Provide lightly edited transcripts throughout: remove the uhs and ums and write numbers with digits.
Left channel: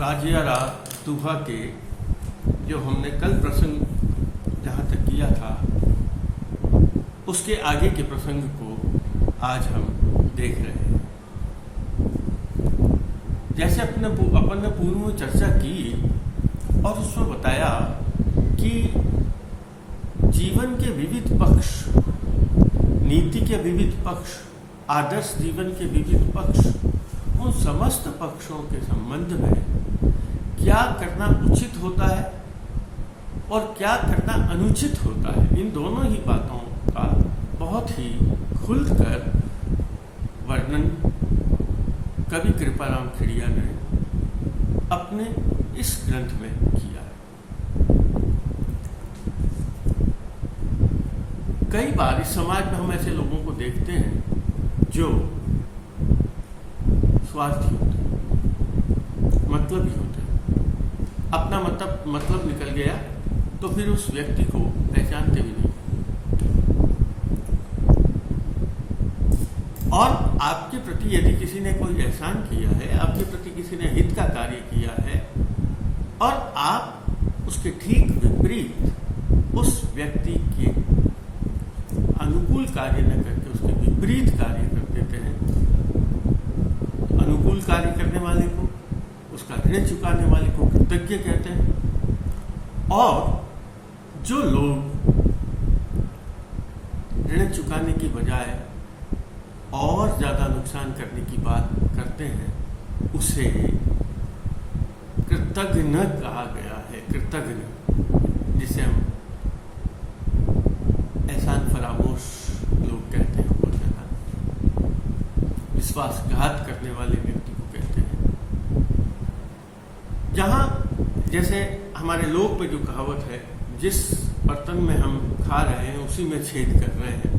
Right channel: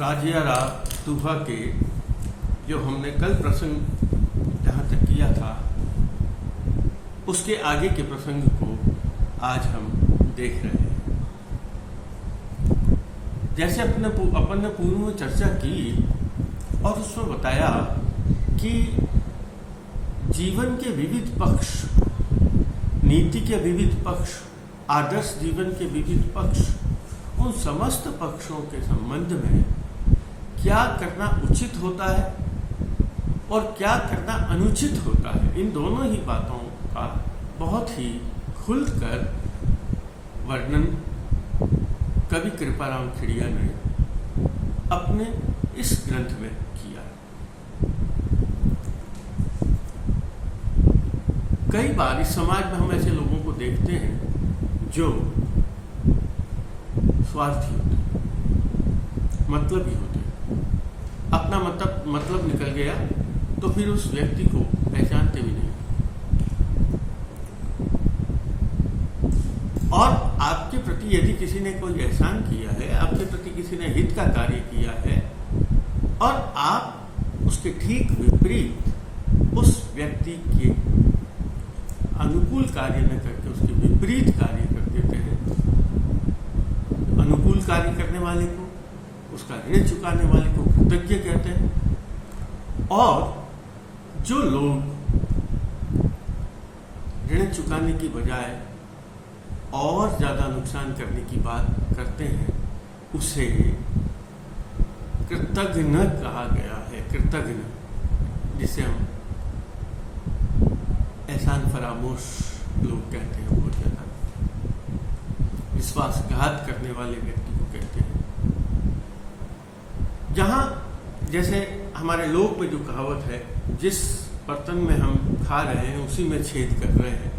राजियारा तूफा के जो हमने कल प्रसंग जहाँ तक किया था उसके आगे के प्रसंग को आज हम देख रहे हैं। जैसे अपन ने पूर्व में चर्चा की और उसमें बताया कि जीवन के विविध पक्ष, नीति के विविध पक्ष, आदर्श जीवन के विविध पक्ष, उन समस्त पक्षों के संबंध में क्या करना उचित होता है और क्या करना अनुचित होता है, इन दोनों ही बातों का बहुत ही खुलकर वर्णन कवि कृपाराम खेड़िया ने अपने इस ग्रंथ में किया है। कई बार इस समाज में हम ऐसे लोगों को देखते हैं जो स्वार्थी होते हैं, मतलबी होते हैं। अपना मतलब निकल गया तो फिर उस व्यक्ति को पहचानते भी नहीं। और आपके प्रति यदि किसी ने कोई एहसान किया है, आपके प्रति किसी ने हित का कार्य किया है और आप उसके ठीक विपरीत उस व्यक्ति के अनुकूल कार्य न करके उसके विपरीत कार्य कर देते हैं, तो अनुकूल कार्य करने वाले को, उसका ऋण चुकाने वाले को कृतज्ञ कहते हैं। और जो लोग ऋण चुकाने की बजाय और ज्यादा नुकसान करने की बात करते हैं उसे कृतघ्न कहा गया है। कृतघ्न, जिसे हम एहसान फरामोश लोग कहते हैं, बहुत ज्यादा विश्वासघात करने वाले व्यक्ति को कहते हैं। जहां जैसे हमारे लोक में जो कहावत है, जिस बर्तन में हम खा रहे हैं उसी में छेद कर रहे हैं,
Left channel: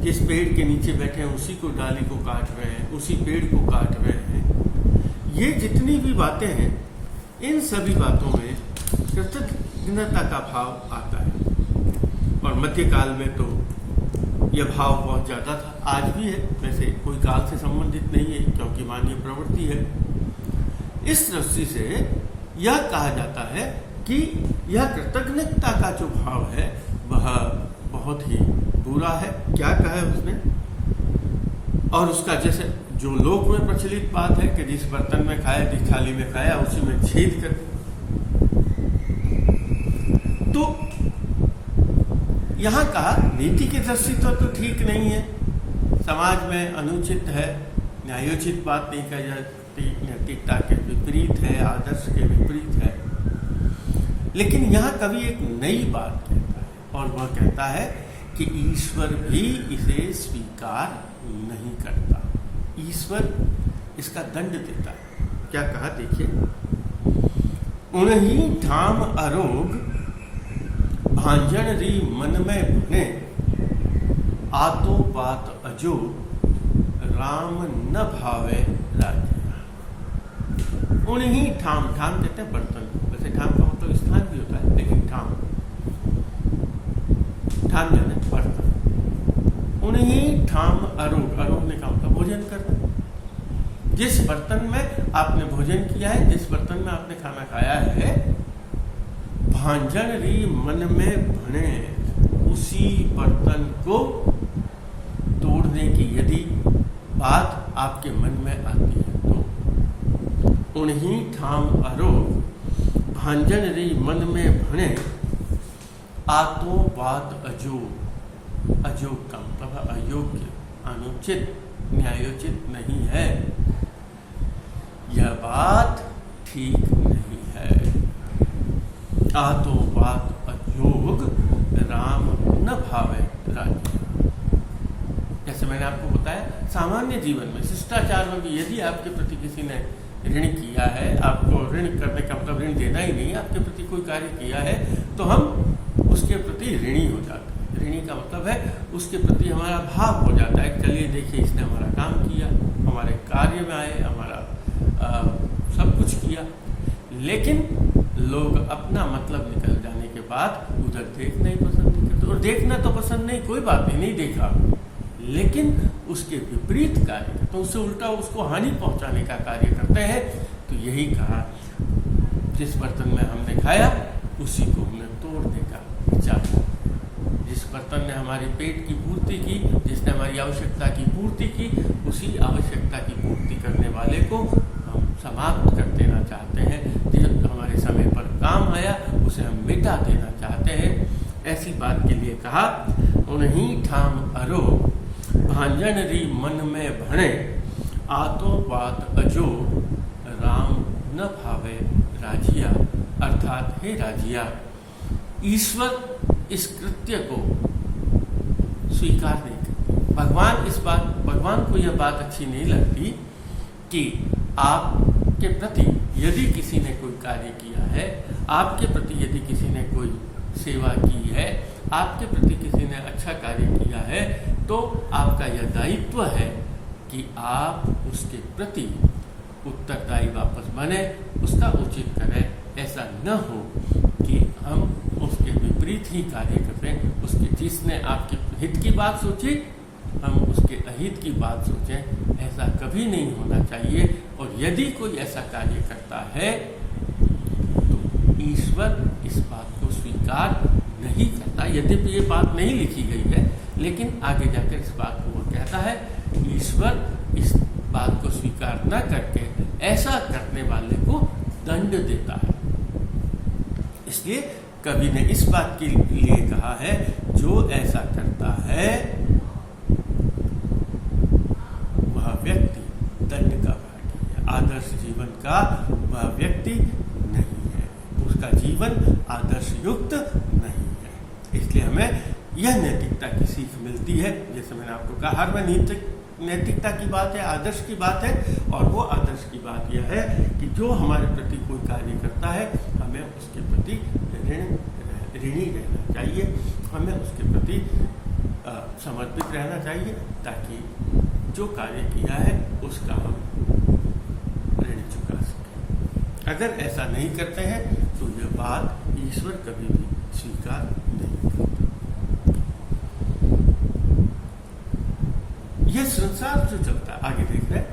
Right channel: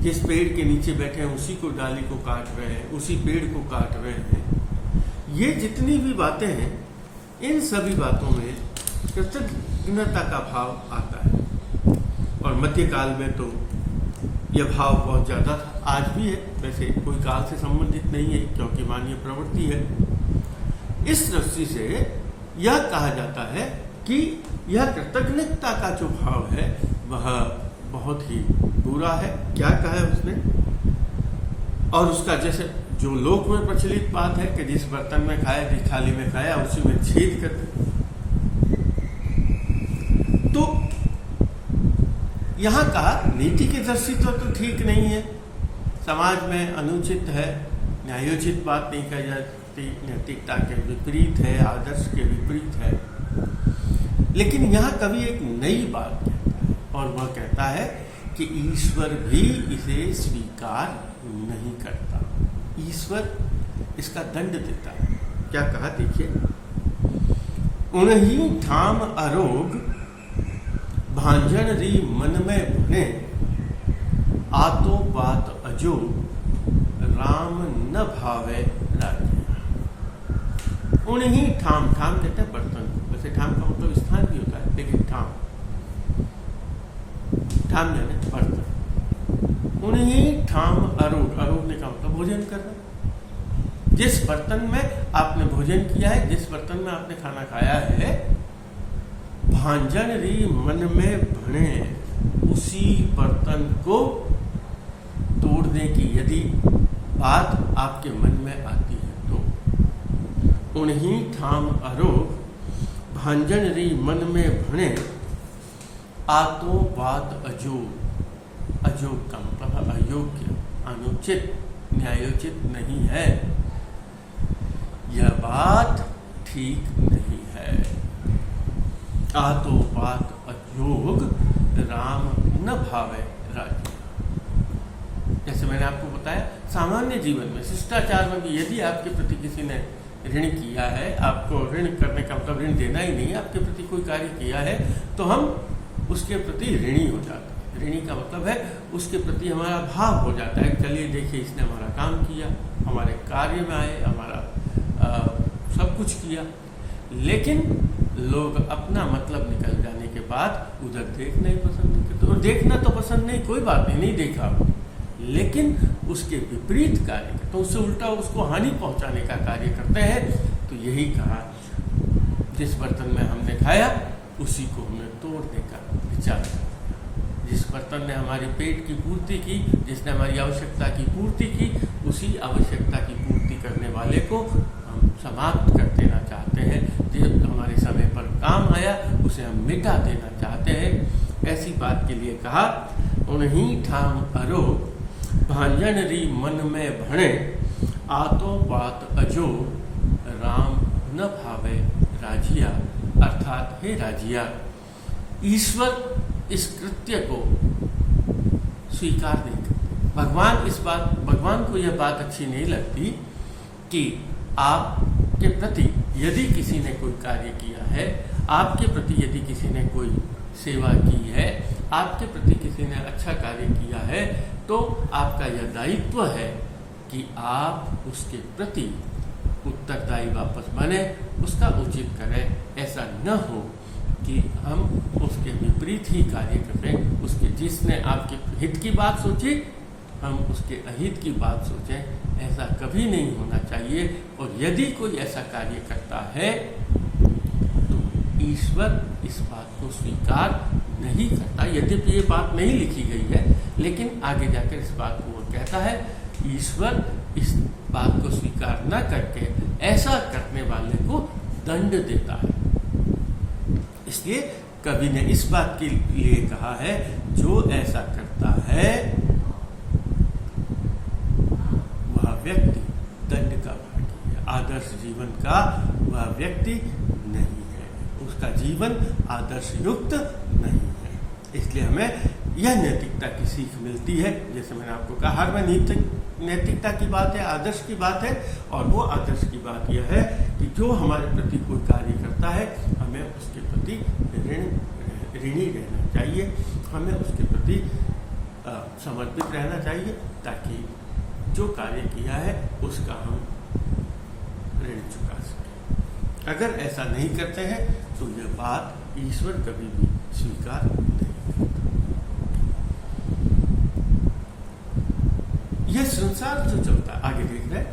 जिस पेड़ के नीचे बैठे हैं उसी को डाली को काट रहे हैं, उसी पेड़ को काट रहे हैं। ये जितनी भी बातें हैं, इन सभी बातों में कृतज्ञता का भाव आता है। और मध्यकाल में तो यह भाव बहुत ज्यादा था, आज भी है, वैसे कोई काल से संबंधित नहीं है क्योंकि मानवीय प्रवृत्ति है। इस दृष्टि से यह कहा जाता है कि यह कृतज्ञता का जो भाव है वह बहुत ही बुरा है। क्या कहा है उसने? और उसका जैसे जो लोक में प्रचलित बात है कि जिस बर्तन में खाया, जिस थाली में खाया उसी में छेद कर दे। तो यहां कहा नीति की दृष्टि तो ठीक नहीं है, समाज में अनुचित है, न्यायोचित बात नहीं कही जा सकती, नैतिकता के विपरीत है, आदर्श के विपरीत है। लेकिन यहां कवि एक नई बात कहता है और वह कहता है कि ईश्वर भी इसे स्वीकार नहीं करता। ईश्वर इसका दंड देता है। क्या कहा देखिए, उन्हीं ठाम अरोग भांजन री मन में भने, आतो बात अजो राम न भावे राजिया। उन्हीं ठाम, ठाम कहते हैं बर्तन को, वैसे ठाम का मतलब स्थान भी होता है, लेकिन ठाम यानी बर्तन। उन्हीं ठाम अरोग, अरोगने का मतलब भोजन करना। जिस बर्तन में आपने भोजन किया है, जिस बर्तन में आपने खाना खाया है, भांजन री मन में भने, उसी बर्तन को तोड़ने की यदि बात आपके मन में आती है तो उन्हीं ठाम अरोग भांजन री मन में भने, आतो बात अजोग। अजोग का मतलब अयोग्य, अनुचित, न्यायोचित नहीं है। यह बात ठीक नहीं है। आतो बात अयोग राम न भावे राजिया। जैसे मैंने आपको बताया, सामान्य जीवन में, शिष्टाचार में भी यदि आपके प्रति किसी ने ऋण किया है, आपको ऋण करने का मतलब ऋण देना ही नहीं, आपके प्रति कोई कार्य किया है तो हम उसके प्रति ऋणी हो जाते हैं। ऋणी का मतलब है उसके प्रति हमारा भाव हो जाता है, चलिए देखिए इसने हमारा काम किया, हमारे कार्य में आए, हमारा सब कुछ किया। लेकिन लोग अपना मतलब निकल जाने के बाद उधर देखना ही पसंद नहीं करते। और देखना तो पसंद नहीं, कोई बात नहीं, नहीं देखा, लेकिन उसके विपरीत कार्य करते, तो उससे उल्टा उसको हानि पहुंचाने का कार्य करते हैं। तो यही कहा, जिस बर्तन में हमने खाया उसी को हमने तोड़ने का विचार किया। जिस बर्तन ने हमारे पेट की पूर्ति की, जिसने हमारी आवश्यकता की पूर्ति की, उसी आवश्यकता की पूर्ति करने वाले को हम समाप्त कर देना चाहते हैं। जो हमारे समय पर काम आया उसे हम मिटा देना चाहते हैं। ऐसी बात के लिए कहा, उन्हीं ठाम अरो भांजन री मन में भणे, आतो बात अजो राम न भावे राजिया। अर्थात हे राजिया, ईश्वर इस कृत्य को स्वीकार नहीं करते। भगवान को यह बात अच्छी नहीं लगती कि आपके प्रति यदि किसी ने कोई कार्य किया है, आपके प्रति यदि किसी ने कोई सेवा की है, आपके प्रति किसी ने अच्छा कार्य किया है, तो आपका यह दायित्व है कि आप उसके प्रति उत्तरदायी वापस बने, उसका उचित करें। ऐसा न हो कि हम उसके विपरीत ही कार्य करें। उसके जिसने आपके हित की बात सोची, हम उसके अहित की बात सोचें। ऐसा कभी नहीं होना चाहिए। और यदि कोई ऐसा कार्य करता है तो ईश्वर इस बात को स्वीकार नहीं करता। यद्यपि ये बात नहीं लिखी गई है, लेकिन आगे जाकर इस बात को वो कहता है, ईश्वर इस बात को स्वीकार न करके ऐसा करने वाले को दंड देता है। इसलिए कवि ने इस बात के लिए कहा है, जो ऐसा करता है वह व्यक्ति दंड का भागी है, आदर्श जीवन का वह व्यक्ति नहीं है, उसका जीवन आदर्श युक्त नहीं है। इसलिए हमें यह नैतिकता की सीख मिलती है। जैसे मैंने आपको कहा, हर में नैतिकता की बात है, आदर्श की बात है। और वो आदर्श की बात यह है कि जो हमारे प्रति कोई कार्य करता है, हमें उसके प्रति ऋणी रहना चाहिए, हमें उसके प्रति समर्पित रहना चाहिए, ताकि जो कार्य किया है उसका हम ऋण चुका सकें। अगर ऐसा नहीं करते हैं तो यह बात ईश्वर कभी भी स्वीकार नहीं करता। यह संसार जो चलता है, आगे देख रहे हैं,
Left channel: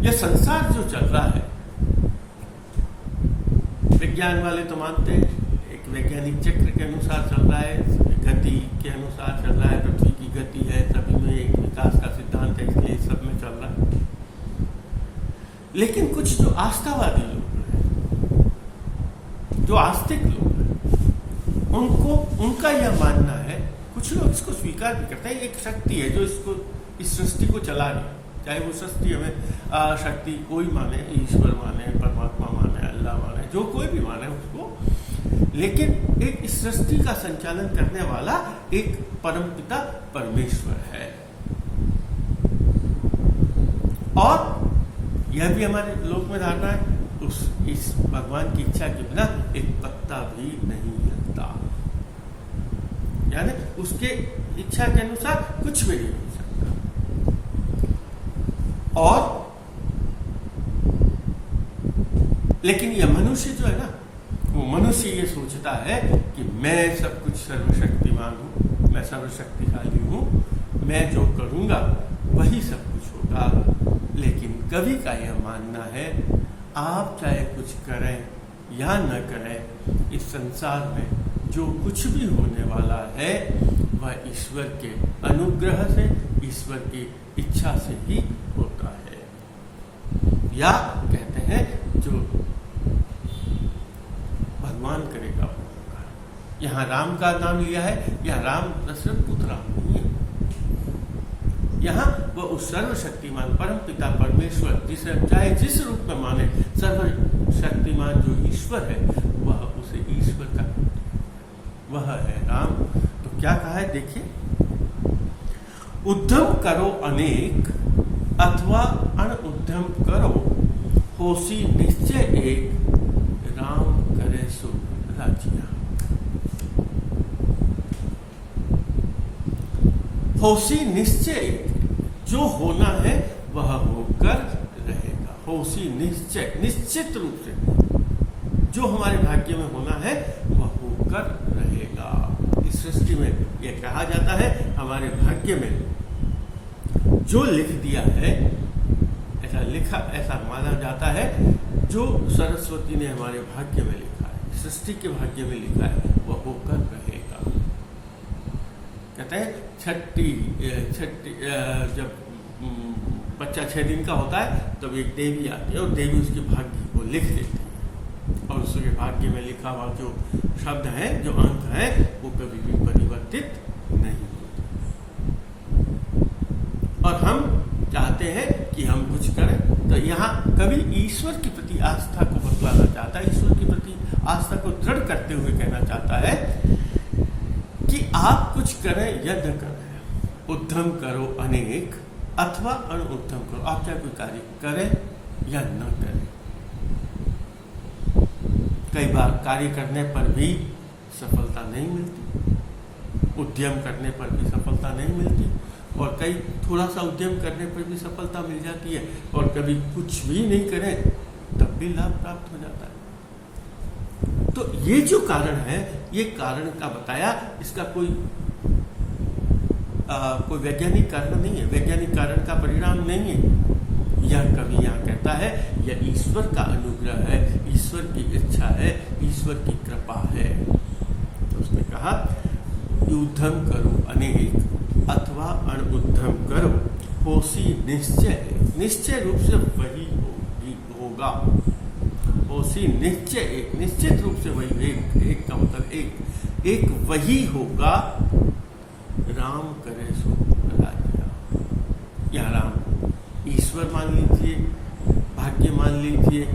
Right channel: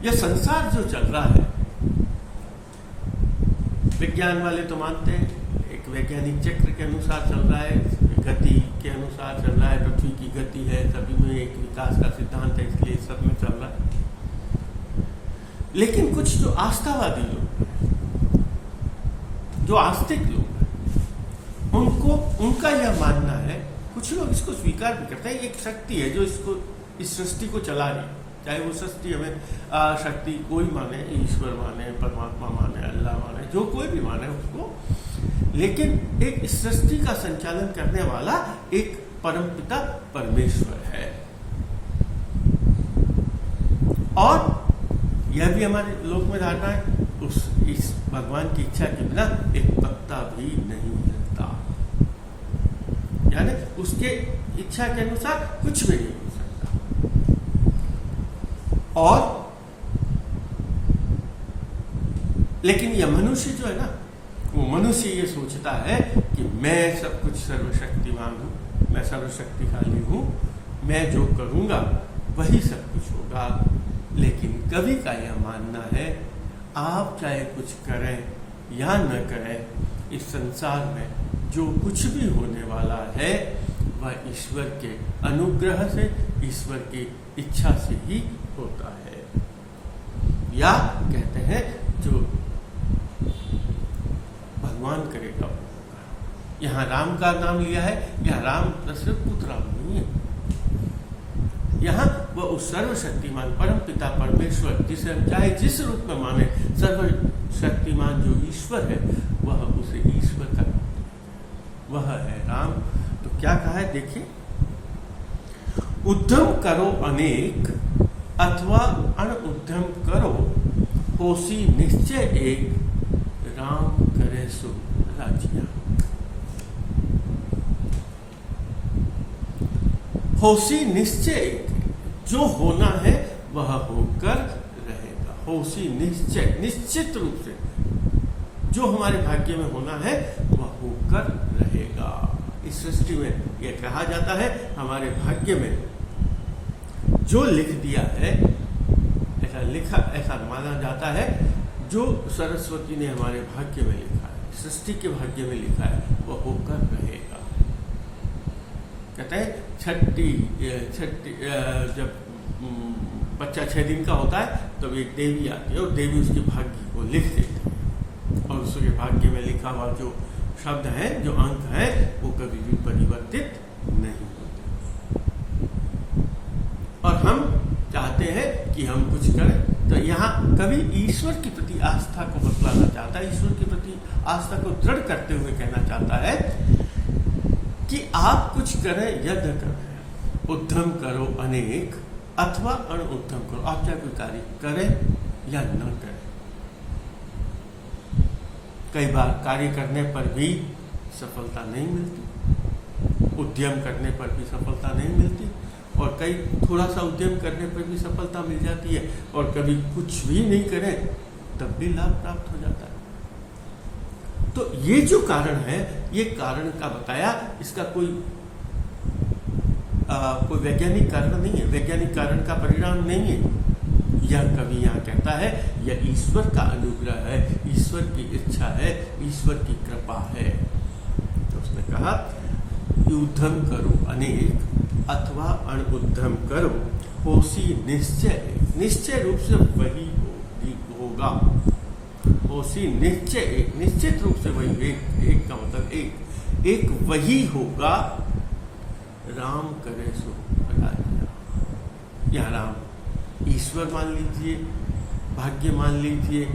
यह संसार जो चल रहा है, विज्ञान वाले तो मानते हैं एक वैज्ञानिक चक्र के अनुसार चल रहा है, गति के अनुसार चल रहा है, पृथ्वी की गति है, सभी में एक विकास का सिद्धांत है, इसलिए सब में चल रहा है। लेकिन कुछ जो आस्थावादी लोग हैं, जो आस्तिक लोग हैं, उनका यह मानना है, कुछ लोग इसको स्वीकार भी करते हैं, एक शक्ति है जो इस सृष्टि को चला रही है। चाहे वो सृष्टि हमें शक्ति कोई माने, ईश्वर माने, परमात्मा माने, अल्लाह माने, जो कोई भी माने उसको, लेकिन एक इस सृष्टि का संचालन करने वाला एक परमपिता परमेश्वर है। और यह भी हमारे लोक में धारणा है, इस भगवान की इच्छा के बिना एक पत्ता भी नहीं हिलता, यानी उसके इच्छा के अनुसार कुछ भी नहीं हो सकता। और लेकिन यह मनुष्य जो है ना, वो मनुष्य ये सोचता है कि मैं सब कुछ सर्वशक्तिमान हूं, मैं सर्वशक्तिशाली हूं, मैं जो करूंगा वही सब कुछ होगा। लेकिन कवि का यह मानना है, आप चाहे कुछ करें या न करें, इस संसार में जो कुछ भी होने वाला है वह ईश्वर के अनुग्रह से, ईश्वर की इच्छा से ही होता है। या कहते हैं जो भगवान करेगा वो होगा। यहाँ राम का नाम लिया है, यह राम दशरथ पुत्र राम नहीं है, यहाँ वह उस सर्वशक्तिमान परम पिता परमेश्वर, जिसे हम चाहे जिस रूप में माने, सर्वशक्तिमान जो ईश्वर है, वह उसे ईश्वर का नाम दिया, वह है राम। तो क्या कहा है देखिए, उद्यम करो अनेक अथवा अनउद्यम करो, होसी निश्चय एक, राम करे सो राजिया। होसी निश्चय, जो होना है वह होकर रहेगा। होसी निश्चय, निश्चित रूप से जो हमारे भाग्य में होना है वह होकर रहेगा। इस सृष्टि में यह कहा जाता है, हमारे भाग्य में जो लिख दिया है, ऐसा माना जाता है जो सरस्वती ने हमारे भाग्य में लिखा है, सृष्टि के भाग्य में लिखा है, वह होकर रहेगा। कहते हैं छठी जब बच्चा 6 दिन का होता है तब एक देवी आती है और देवी उसके भाग्य को लिख देती है, और उसके भाग्य में लिखा हुआ जो शब्द है, जो अंक है, वो कभी भी परिवर्तित नहीं होते। और हम चाहते हैं कि हम कुछ करें, तो यहाँ कवि ईश्वर के प्रति आस्था को बतलाना चाहता है, ईश्वर के प्रति आस्था को दृढ़ करते हुए कहना चाहता है कि आप कुछ करें, यज्ञ करें, उद्यम करो अनेक अथवा अणुद्यम करो। आप चाहे कोई कार्य करें या न करें। कई बार कार्य करने पर भी सफलता नहीं मिलती, उद्यम करने पर भी सफलता नहीं मिलती, और कई थोड़ा सा उद्यम करने पर भी सफलता मिल जाती है, और कभी कुछ भी नहीं करें तब भी लाभ प्राप्त हो जाता है। तो ये जो कारण है, ये कारण का बताया, इसका कोई वैज्ञानिक कारण नहीं है, वैज्ञानिक कारण का परिणाम नहीं है। यह कवि यहाँ कहता है यह ईश्वर का अनुग्रह है, ईश्वर की इच्छा है, ईश्वर की कृपा है। तो उसने कहा उद्यम करो अनेक अथवा अणुद्यम करो, होसी निश्चय, निश्चय रूप से वही होगा। होसी निश्चय एक, निश्चित रूप से वही, एक का मतलब एक वही होगा। राम करे सो राजा। या राम ईश्वर मान लीजिए, भाग्य मान लीजिए,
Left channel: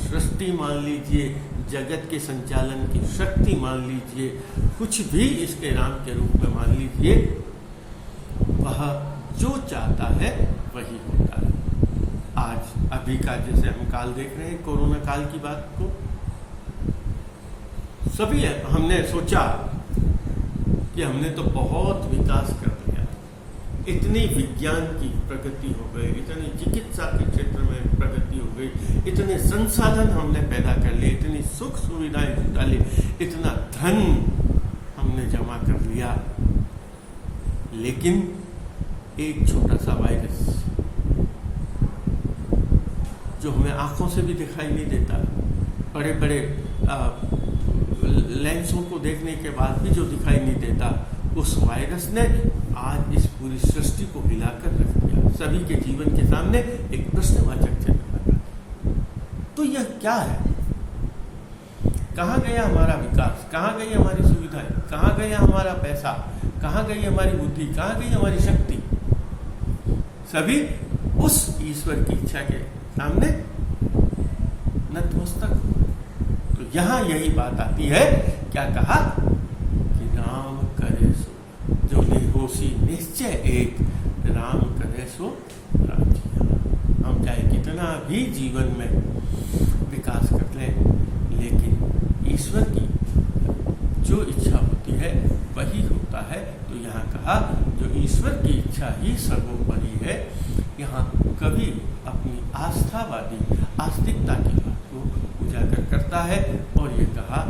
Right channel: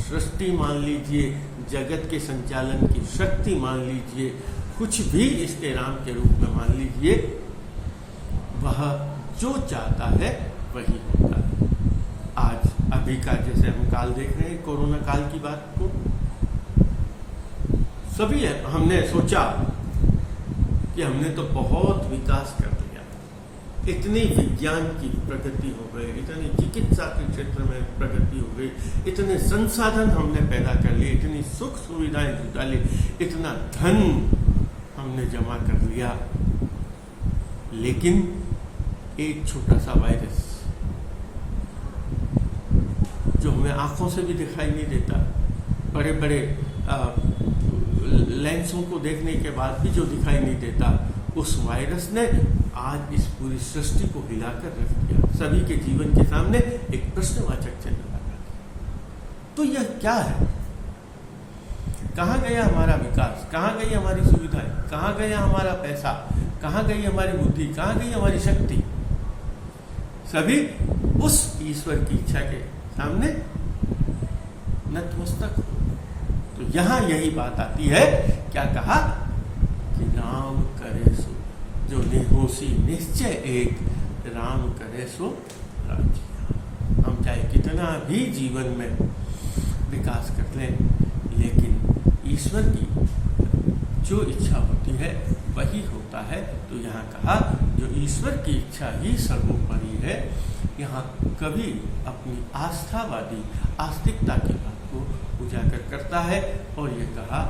सृष्टि मान लीजिए, जगत के संचालन की शक्ति मान लीजिए, कुछ भी इसके राम के रूप में मान लीजिए, वह जो चाहता है वही होता है। आज अभी का जैसे हम काल देख रहे हैं, कोरोना काल की बात को सभी हमने सोचा कि हमने तो बहुत विकास कर लिया, इतनी विज्ञान की प्रगति हो गई, इतनी चिकित्सा के क्षेत्र में प्रगति हो गई, इतने संसाधन हमने पैदा कर लिए, इतनी सुख सुविधाएं जुटा ली, इतना धन हमने जमा कर लिया, लेकिन एक छोटा सा वायरस जो हमें आंखों से भी दिखाई नहीं देता, बड़े बड़े लेंसों को देखने के बाद भी जो दिखाई नहीं देता, उस वायरस ने आज इस पूरी सृष्टि को हिलाकर रख दिया। सभी के जीवन के सामने एक प्रश्नवाचक चिन्ह लगा दिया। तो यह क्या है? कहाँ गया हमारा विकास? कहाँ गई हमारी सुविधाएं? कहाँ गया हमारा पैसा? कहाँ गई हमारी बुद्धि? कहाँ गई हमारी शक्ति? सभी उस ईश्वर की इच्छा के सामने नतमस्तक हो। तो यहां यही बात आती है, क्या कहा कि राम करे सो, जो निहोसी निश्चय एक, राम करे सो राजिया। हम चाहे कितना भी जीवन में विकास कर लें, लेकिन ईश्वर की जो इच्छा होती है वही होता है। तो यहाँ कहा जो ईश्वर की इच्छा ही सर्वोपरि है। यहाँ कवि अपनी आस्थावादी आस्तिकता की बात को उजागर करता है, और ये कहा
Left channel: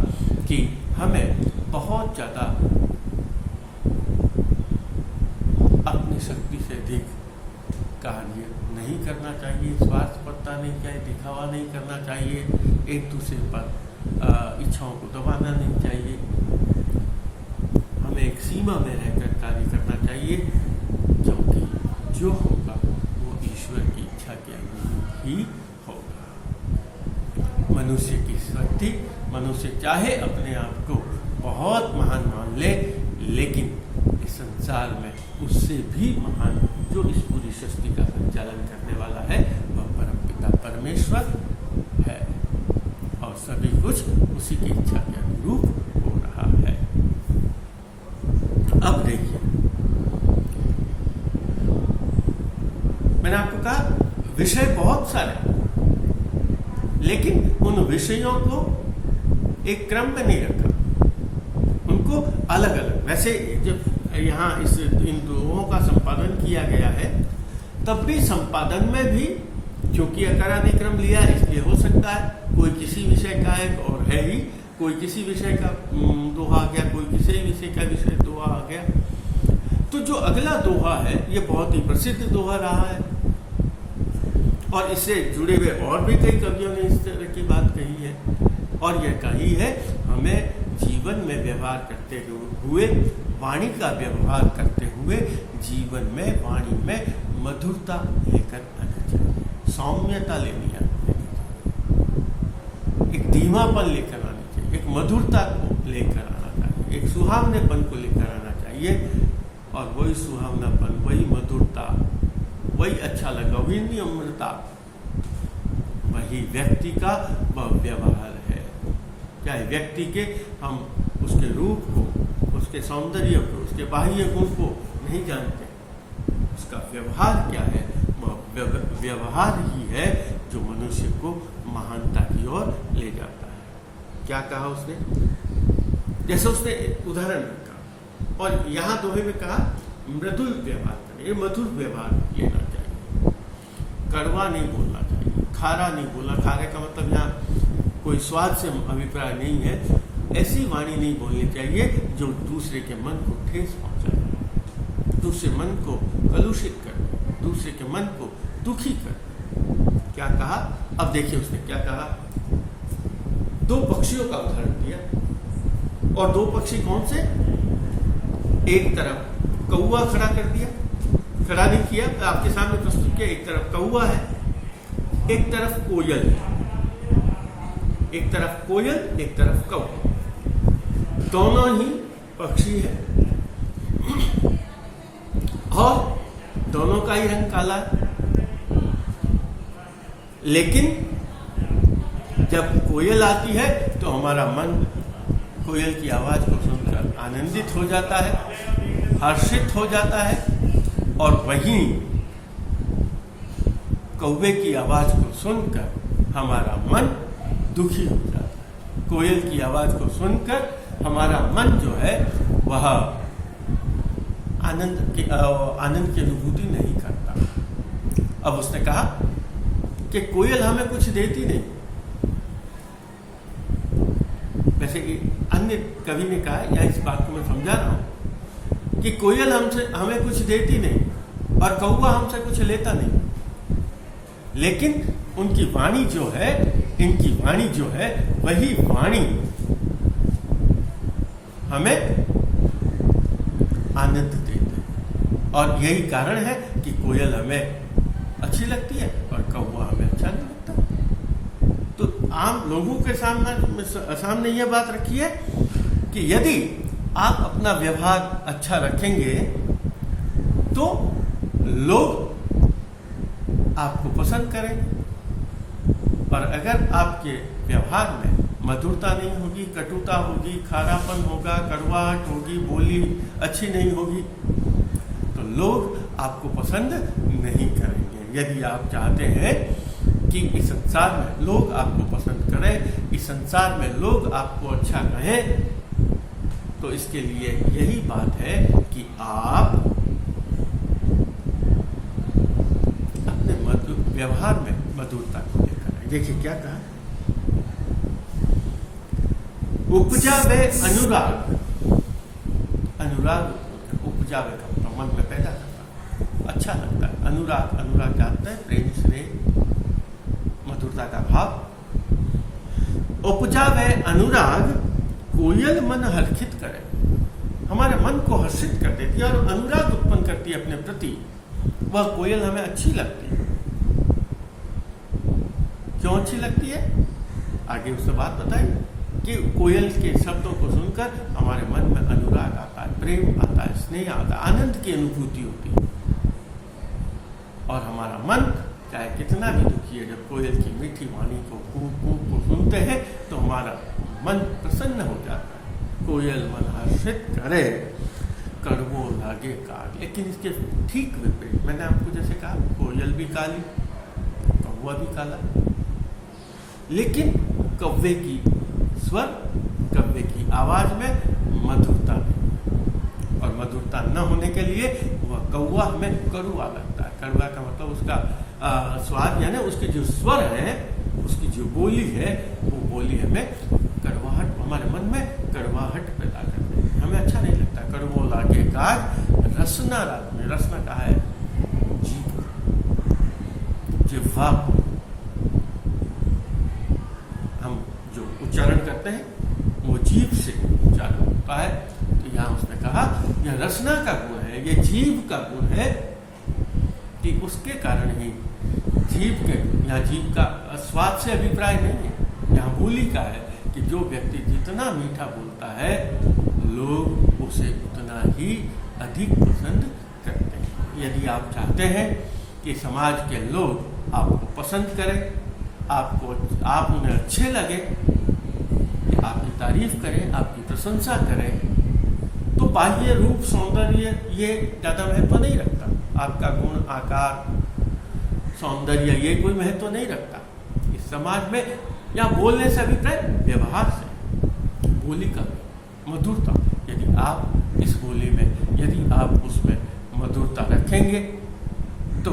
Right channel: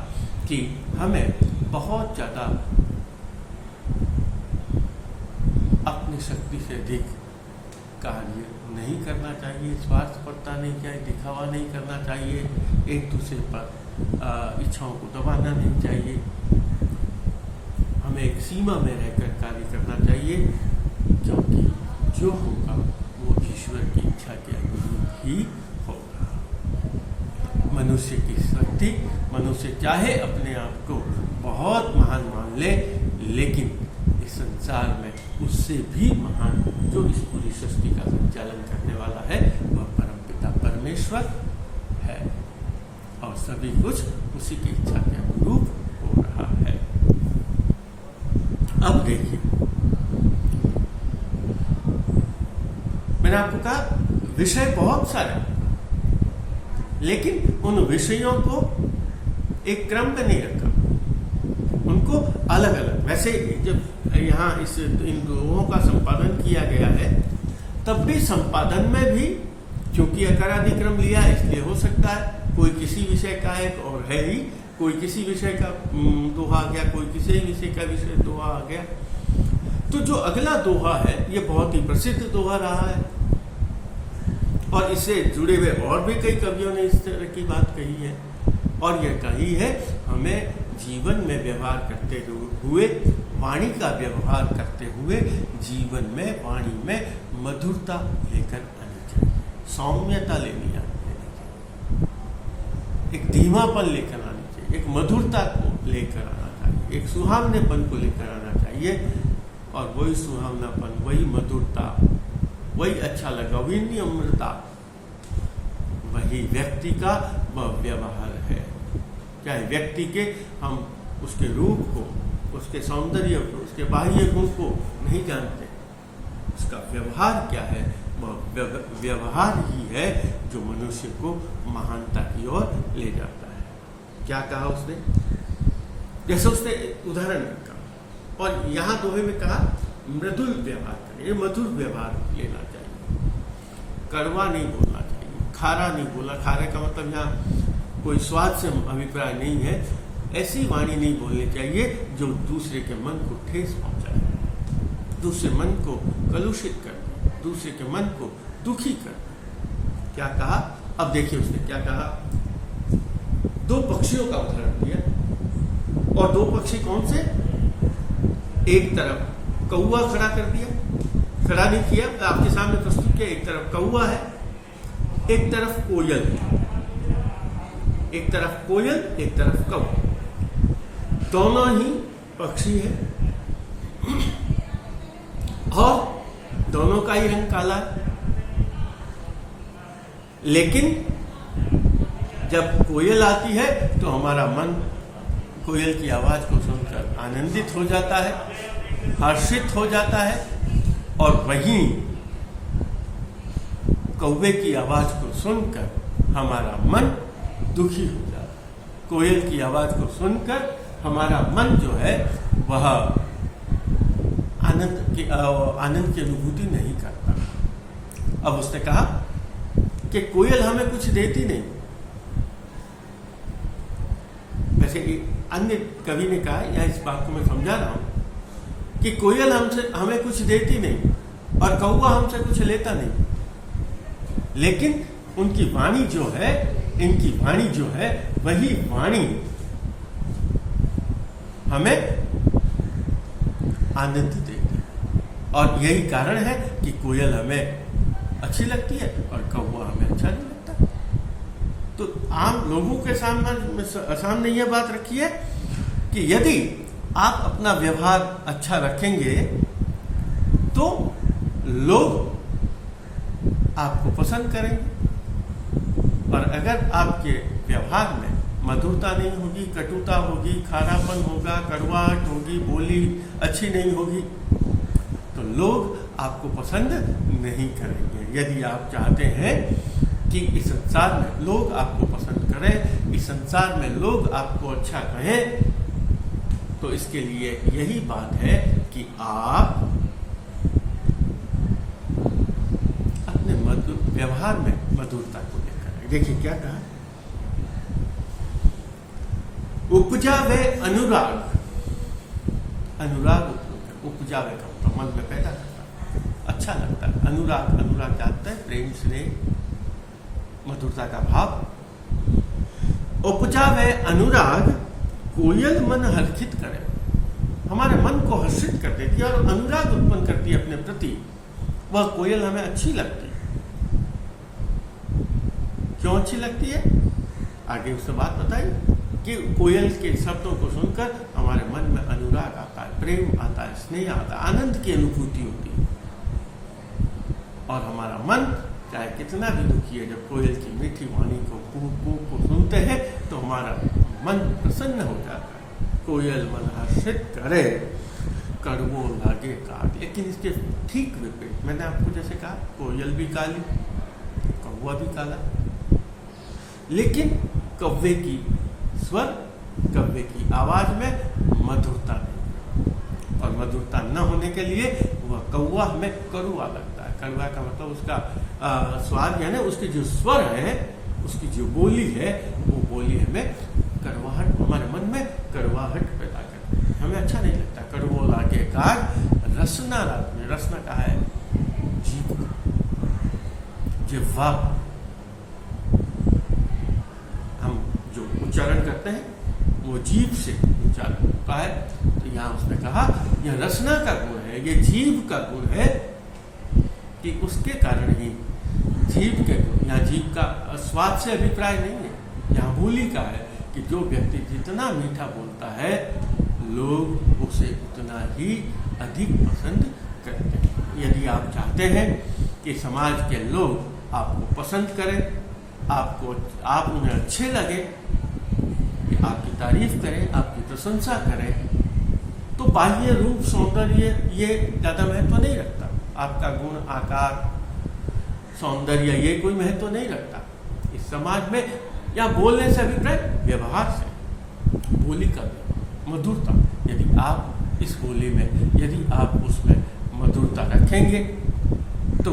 कि हमें बहुत ज़्यादा अपनी शक्ति से अधिक कार्य नहीं करना चाहिए, स्वार्थपरता नहीं चाहिए, दिखावा नहीं करना चाहिए, एक दूसरे पर इच्छाओं को दबाना नहीं चाहिए। हमें एक सीमा में रहकर कार्य करना चाहिए, क्योंकि जो होगा वो ईश्वर की इच्छा के अनुरूप ही होगा। मनुष्य की शक्ति, मनुष्य चाहे अपने आप को बहुत महान मान ले, लेकिन इस संसार में उससे भी महान जो इस पूरी सृष्टि का संचालन करने वाला है वह परमपिता परमेश्वर है, और सभी कुछ उसी की इच्छा के अनुरूप हो रहा है। अब देखिए, मैंने आपको कहा विषय बहुत सारे, लेकिन उन विषयों को एक क्रम में नहीं रखा, उनको अलग अलग। वैसे जब यहाँ इन दोहों का संपादन किया गया है, तब भी संपादन में भी क्योंकि अकारादिक्रम लिया, इसलिए हो सकता है कोई किसी विषय का एक और है ही, कोई किसी विषय का दोहा आ गया, कोई किसी विषय का विषय दोहा आ गया। तो जो अगला दोहा है ये बहुत ही प्रसिद्ध दोहा रहा है, और इससे जुड़े हुए और भी कई कवियों ने इस तरह की बात कही है, और यह कही है हमें जीवन में व्यवहार करते हुए, वाणी का व्यवहार करते हुए जीवन में, वाणी में मधुरता लेकर आनी चाहिए, सौम्यता लेनी चाहिए, एक धीमापन लेकर आनी चाहिए, एक मधुरता को लेकर आना चाहिए, एक सुहावनेपन को लेकर आना चाहिए। और वही सुहावनापन, वही मधुरता, वही अच्छा लगा, वही निम्रता, वही व्यक्ति का वह व्यवहार है। चाहे व्यक्ति के हम उसके रूप को, उसके सौंदर्य को, उसके बाह्य गुण को नहीं जानते, उसका व्यवहार क्या है, वह व्यवहार ही है जो मनुष्य को महानता की ओर ले जाता है। क्या कहा उसने? जैसे उसने उदाहरण रखा, और यहाँ दोहे में कहा मृदुल व्यवहार करें, मधुर व्यवहार लेना चाहिए, कड़वा नहीं बोलना चाहिए, खारा नहीं बोलना। खारे का मतलब यहाँ कोई स्वाद से अभिप्राय नहीं है, ऐसी वाणी नहीं बोलनी चाहिए जो दूसरे के मन को ठेस पहुंचाए, दूसरे मन को कलुषित कर, दूसरे के मन को दुखी कर। क्या कहा? अब देखिए उसने क्या कहा। दो पक्षियों का उदाहरण दिया, और दो पक्षी कौन से? एक तरफ कौवा खड़ा कर दिया, खड़ा नहीं किया, आपके सामने प्रस्तुत किया। एक तरफ कौवा है, एक तरफ कोयल है, एक तरफ कोयल, एक तरफ कौवा, दोनों ही पक्षी है, और दोनों का ही रंग काला है। लेकिन जब कोयल आती है तो हमारा मन कोयल की आवाज को सुनकर आनंदित हो जाता है, हर्षित हो जाता है, और वहीं कौवे की आवाज को सुनकर हमारा मन दुखी हो जाता है। कोयल की आवाज को सुनकर हमारा मन जो है वह आनंद की अनुभूति नहीं करता। अब उसने कहा कि कोयल हमें कुछ देती नहीं। वैसे अन्य कवि ने कहा, या इस बात को मैं समझा रहा हूं कि कोयल हमें कुछ देती नहीं और कौवा हमसे कुछ लेता नहीं, लेकिन उनकी वाणी जो है, इनकी वाणी जो है, वही वाणी हमें आनंद देती, और यही कारण है कि कोयल हमें अच्छी लगती है और कौवा हमें अच्छा नहीं लगता। तो आम लोगों के सामने यह बात रखी है कि यदि आप अपना व्यवहार अच्छा रखेंगे तो लोग आपको पसंद करेंगे, और अगर आपके व्यवहार में मधुरता नहीं होगी, कटुता होगी, खारापन होगा, कड़वाहट होगी, बोली अच्छी नहीं होगी, तो लोग आपको पसंद नहीं करेंगे। यदि आप चाहते हैं कि इस संसार में लोग आपको पसंद करें, इस संसार में लोग आपको अच्छा कहें, तो इसके लिए यही बात है कि आप अपने व्यवहार में मधुरता को लेकर आए। देखिए क्या कहा, उपजावे अनुराग। अनुराग उपजावे का मतलब मन में पैदा करता, अच्छा लगता है। अनुराग, अनुराग जानते हैं, प्रेम, स्नेह, मधुरता का भाव। उपजावे अनुराग कोयल मन हर्षित करे, हमारे मन को हर्षित कर देती है और अनुराग उत्पन्न करती है अपने प्रति। वह कोयल हमें अच्छी लगती है। क्यों अच्छी लगती है? आगे उससे बात बताइए कि कोयल के शब्दों को सुनकर हमारे मन में अनुराग आता है, प्रेम आता है, स्नेह आता है, आनंद की अनुभूति होती है, और हमारा मन चाहे कितना भी दुखी है, जब कोयल की मीठी वाणी को को सुनते हैं तो हमारा मन प्रसन्न हो जाता है। कोयल मन हर्षित करे, कड़वो लागे काग। लेकिन इसके ठीक विपरीत, मैंने आपको जैसे कहा, कोयल भी काली, कौवा भी काला, लेकिन कौवे की स्वर, कौवे की आवाज में मधुरता नहीं, और मधुरता न होने के लिए वह कौवा हमें कड़वा लगता है। कड़वा का मतलब उसका स्वाद, यानी उसके जो स्वर है, उसकी जो बोली है, वो बोली हमें कड़वाहट, हमारे मन में कड़वाहट पैदा करती है, हमें अच्छा नहीं लगता। कड़वो लागे काग, रसना रात में, रसना कहा है जीभ, जिह्वा को हम जो उच्चारण करते हैं वो जीभ से उच्चारण होता है। तो यहाँ उसने कहा यह रसना का गुण है, ये जीभ का गुण है कि उसके कारण ही जीभ के, यहाँ जीभ का स्वाद से अभिप्राय नहीं है, यहाँ बोली का है कि जो व्यक्ति जितना मीठा बोलता है लोग उसे उतना ही अधिक पसंद करते हैं। यदि आप चाहते हैं कि समाज के लोग आपको पसंद करें, आप उन्हें अच्छे लगे, आपकी तारीफ करें, आपकी प्रशंसा करें, तो बाह्य रूप सौंदर्य ये ज़्यादा महत्व नहीं रखता। आपका गुण, आकार, सौंदर्य ये कोई महत्व नहीं रखता इस समाज में। या बोलने से अभिप्राय व्यवहार से, बोली का मधुरता, यदि आप इस बोली में, यदि आप उसमें मधुरता रखेंगे तो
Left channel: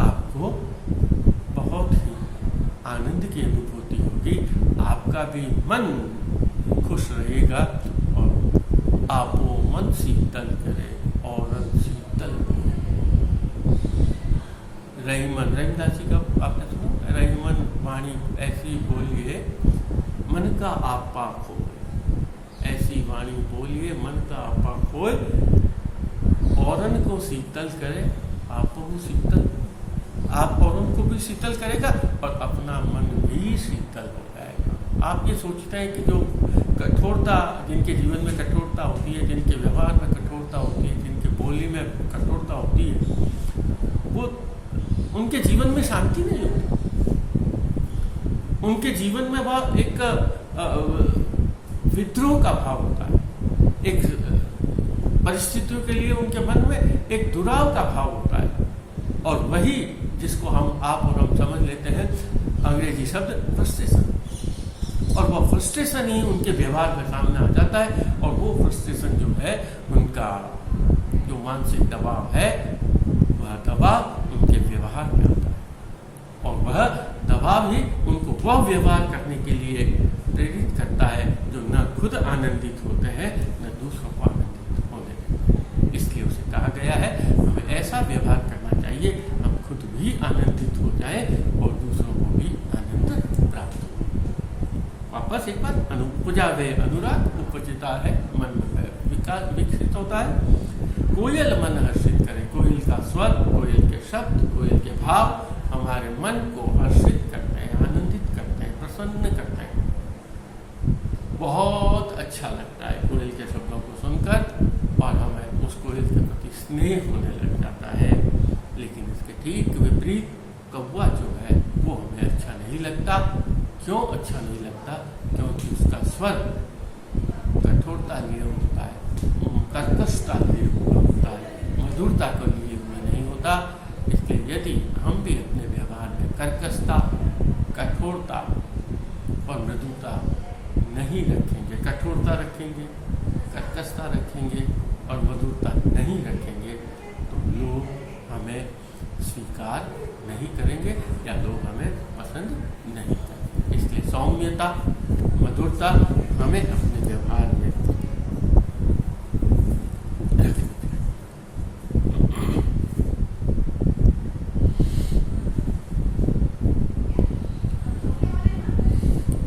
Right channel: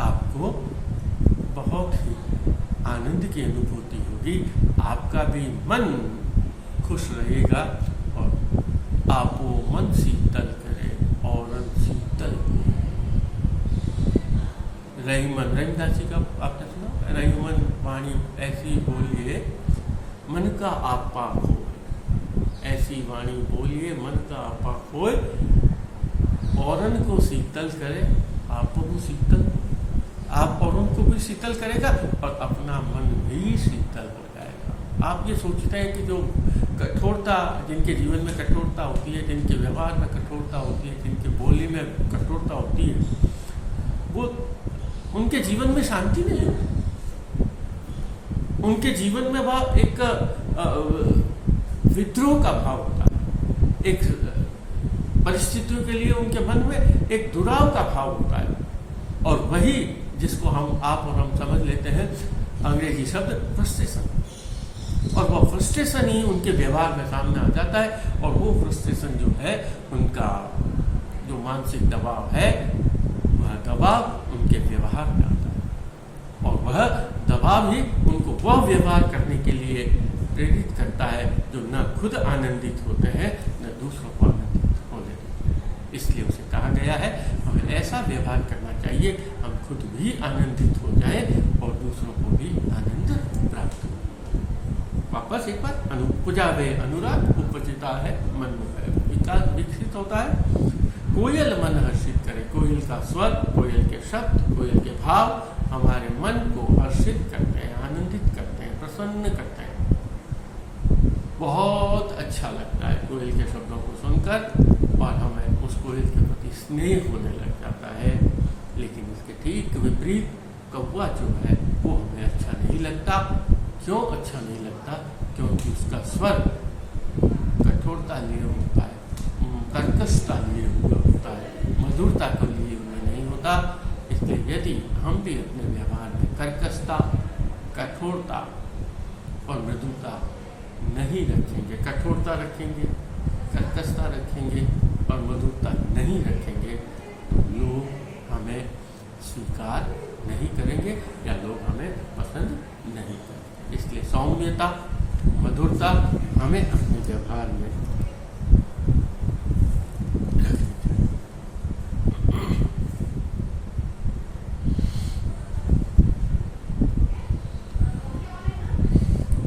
आपको बहुत ही आनंद की अनुभूति होगी, आपका भी मन खुश रहेगा और आपो मन शीतल करे और शीतल हो। रहीमन, रहीमदास जी का आपने सुना, रहीमन वाणी ऐसी बोलिए मन का आपा खोए, ऐसी वाणी बोलिए मन का आपा खोए, औरन को शीतल करे आप को शीतल, आप औरों को भी शीतल करेगा और अपना मन भी शीतल हो जाएगा। आप ये सोचते हैं कि जो कठोरता, जिनके जीवन में कठोरता होती है, जिनके व्यवहार में कठोरता होती है, जिनके बोली में कठोरता होती है, वो उनके जीवन में शांति नहीं होती। उनके जीवन में वह एक विद्रोह का भाव होता है, एक परिस्थितियों के लिए उनके मन में एक दुराव का भाव होता है, और वही जिसको आप और हम समझ लेते हैं अंग्रेजी शब्द फ्रस्ट्रेशन, और वह फ्रस्ट्रेशन ही उनके व्यवहार में सामने आ जाता है। और वो फ्रस्ट्रेशन जो है, उनका जो मानसिक दबाव है, वह दबाव उनके व्यवहार में आता है, और वह दबाव ही उनको वह व्यवहार करने के लिए प्रेरित करता है जो न खुद आनंदित होते हैं न दूसरों को आनंदित होने देते हैं। इसलिए उसे कहा गया है हमें ऐसा व्यवहार करना चाहिए हम खुद भी आनंदित हो जाएं और दूसरों को भी आनंद प्राप्त हो। वापस एक बार उपजावे अनुराग, उपजता है मन में विकास विकसित होता है। कोयल मन हर्षित करे, कोयल का स्वर, कोयल के शब्द, कोयल के भाव हमारे मन को हर्षित करते हैं, आनंदित करते हैं, प्रसन्न करते हैं। बहुत अच्छा लगता है कोयल के शब्दों को सुनकर, और हमें उस कोयल के प्रति स्नेह होने लग जाता है। लेकिन इसके ठीक विपरीत कौवा जो है वो हमें अच्छा नहीं लगता। क्यों अच्छा नहीं लगता? क्योंकि उसका स्वर कठोरता लिए होता है, कर्कशता लिए हुआ होता है, मधुरता को लिए हुआ नहीं होता। इसलिए यदि हम भी अपने व्यवहार में कर्कशता, कठोरता और मृदुता नहीं रखेंगे, कठोरता रखेंगे, कर्कशता रखेंगे और मधुरता नहीं रखेंगे, तो लोग हमें स्वीकार नहीं करेंगे या लोग हमें पसंद नहीं करेंगे। इसलिए सौम्यता, मधुरता हमें अपने व्यवहार में रखनी चाहिए।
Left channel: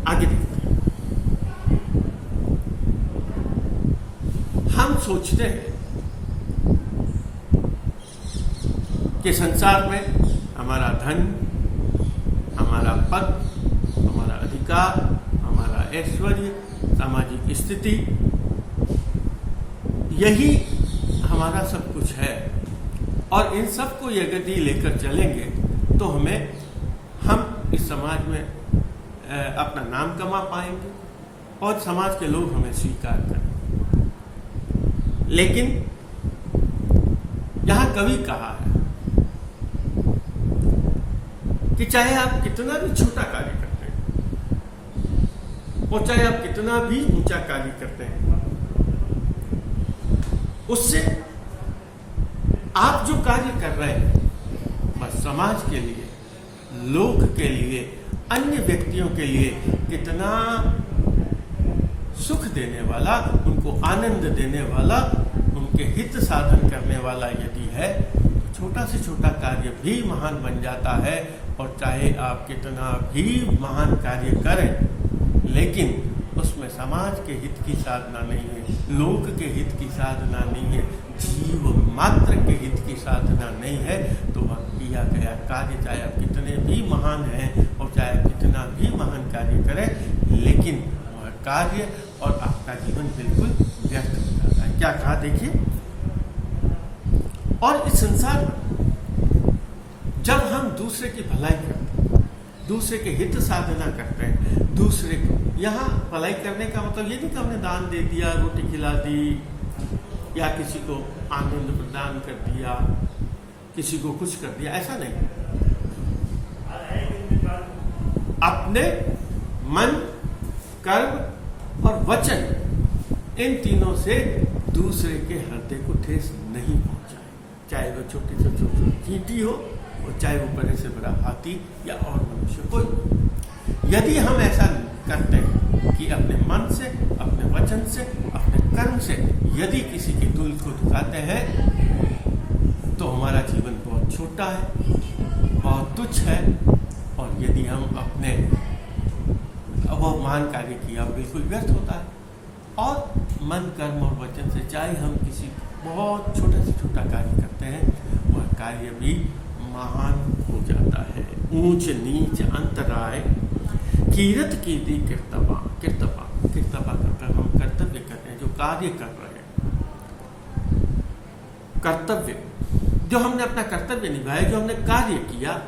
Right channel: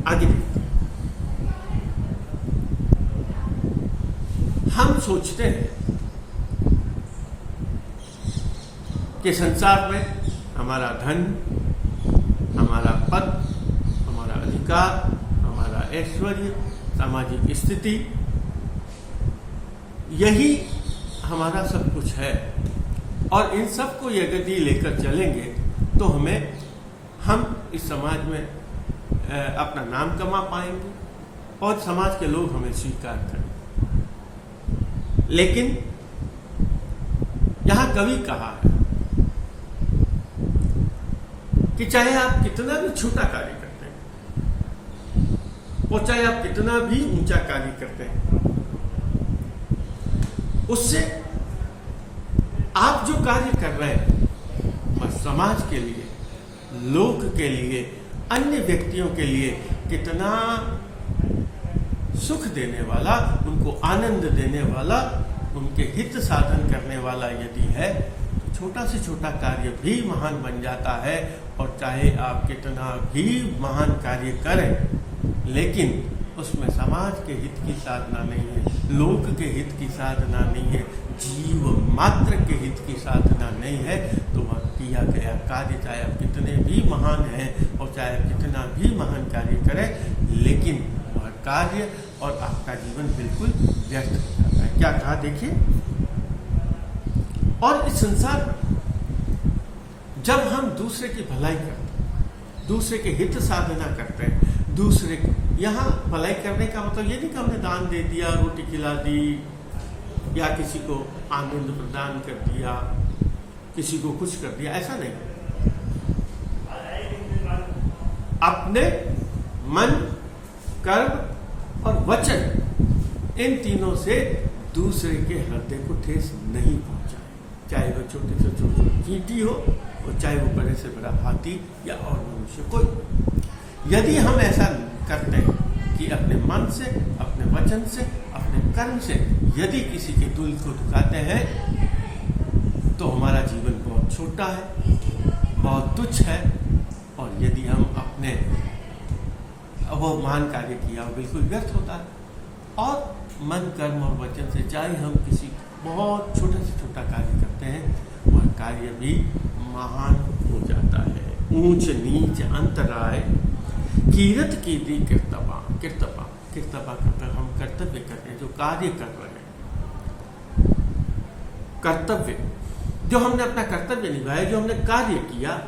आगे देखते हैं। हम सोचते हैं कि संसार में हमारा धन, हमारा पद, हमारा अधिकार, हमारा ऐश्वर्य, सामाजिक स्थिति, यही हमारा सब कुछ है, और इन सब को यदि लेकर चलेंगे तो हम इस समाज में अपना नाम कमा पाएंगे और समाज के लोग हमें स्वीकार करें। लेकिन यहां कवि कहा है कि चाहे आप कितना भी छोटा कार्य करते हैं और चाहे आप कितना भी ऊंचा कार्य करते हैं, उससे आप जो कार्य कर रहे हैं बस समाज के लिए, लोक के लिए, अन्य व्यक्तियों के लिए कितना सुख देने वाला, उनको आनंद देने वाला, उनके हित साधन करने वाला यदि है, तो छोटा से छोटा कार्य भी महान बन जाता है। और चाहे आप कितना भी महान कार्य करें, लेकिन उसमें समाज के हित की साधना नहीं है, लोक के हित की साधना नहीं है, जीव मात्र के हित की साधना नहीं है, तो वह किया गया कार्य, चाहे आप कितने भी महान हैं और चाहे आप कितना भी महान कार्य करें, लेकिन वह कार्य और आपका जीवन बिल्कुल व्यर्थ हो जाता है। क्या कहा देखिए, और इस संसार में जब हम दूसरे की भलाई करते हैं, दूसरे के हित साधना करते हैं, दूसरे को, यहाँ भलाई करने का मतलब ये नहीं कि हमने दान दे दिया, रोटी खिला दी, या किसी को आनंद प्रदान कर दिया, किसी को कुछ कर दिया, ऐसा नहीं। अपने मन, कर्म और वचन, इन तीनों से दूसरे के हृदय को ठेस नहीं पहुंचाए, चाहे वो छोटे से छोटे चींटी हो और चाहे वो बड़े से बड़ा हाथी या और मनुष्य कोई। यदि हम ऐसा करते हैं कि अपने मन से, अपने वचन से, अपने कर्म से यदि किसी के दिल को दुखाते हैं, तो हमारा जीवन बहुत छोटा है, बहुत तुच्छ है। और यदि हम अपने वो महान कार्य किया बिल्कुल व्यर्थ होता है। और मन, कर्म और वचन से चाहे हम किसी बहुत छोटे से छोटा कार्य करते हैं, वह कार्य भी महान हो जाता है। ऊंच नीच अंतराय कीरत कीर्ति कीर्तपा करते, हम कर्तव्य करते हैं, जो कार्य कर रहे हैं, कर्तव्य जो हमने अपना कर्तव्य निभाया, जो हमने कार्य किया,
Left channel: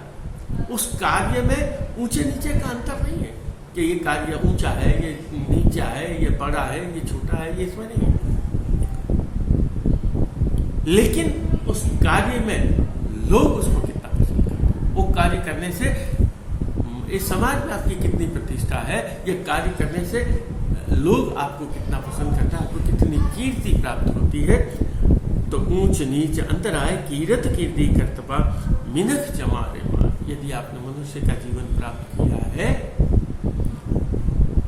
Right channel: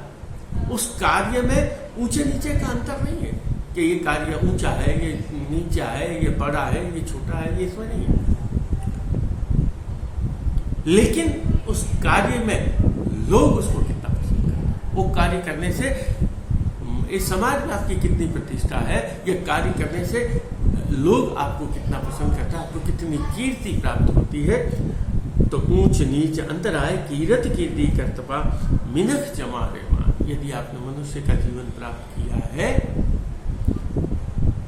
उस कार्य में ऊंचे नीचे का अंतर नहीं है कि ये कार्य ऊंचा है, ये नीचा है, ये बड़ा है, ये छोटा है, ये इसमें नहीं है। लेकिन उस कार्य में लोग उसको कितना पसंद करते हैं, वो कार्य करने से इस समाज में आपकी कितनी प्रतिष्ठा है, ये कार्य करने से लोग आपको कितना पसंद करता है, आपको कितनी कीर्ति प्राप्त होती है। तो ऊंच नीच अंतराय कीरत कीर्ति कर्तव्य मिनख जमारे मार। यदि आपने मनुष्य का जीवन प्राप्त किया है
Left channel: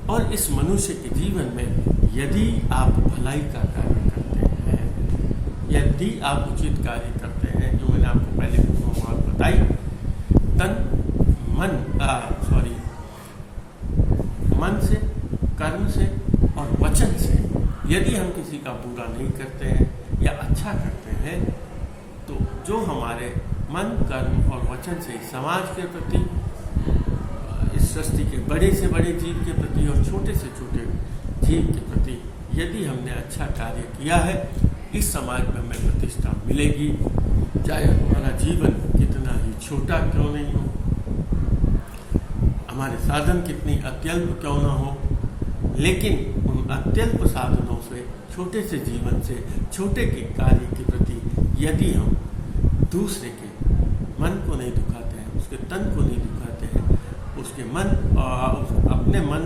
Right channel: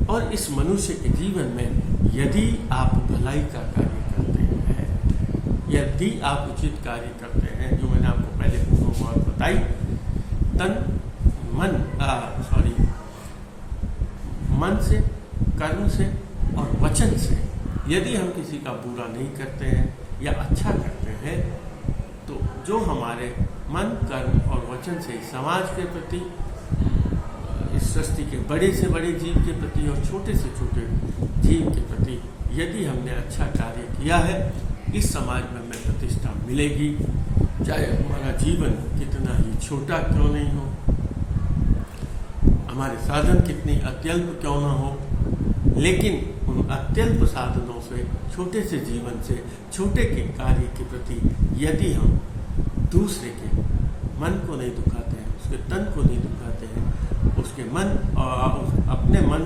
और इस मनुष्य के जीवन में यदि आप भलाई का कार्य करते हैं, यदि आप उचित कार्य करते हैं, जो मैंने आपको पहले दोनों बात बताई, मन से, कर्म से और वचन से यदि हम किसी का बुरा नहीं करते हैं या अच्छा करते हैं, तो जो हमारे मन, कर्म और वचन से समाज के प्रति, इस सृष्टि के बड़े से बड़े जीव के प्रति और छोटे से छोटे जीव के प्रति यदि हमने अच्छा कार्य किया है, इस समाज में हमें प्रतिष्ठा मिलेगी, चाहे हमारा जीवन कितना ही छोटा क्यों नहीं हो, हमारे साधन कितनी अत्यल्प क्यों ना हो, लेकिन उन अत्यल्प साधनों से, छोटे से जीवन से, छोटे के कार्य के प्रति यदि हम दूसरे के मन को नहीं दुखाते हैं, उसके तन को नहीं दुखाते हैं, उसके मन, अपने मन,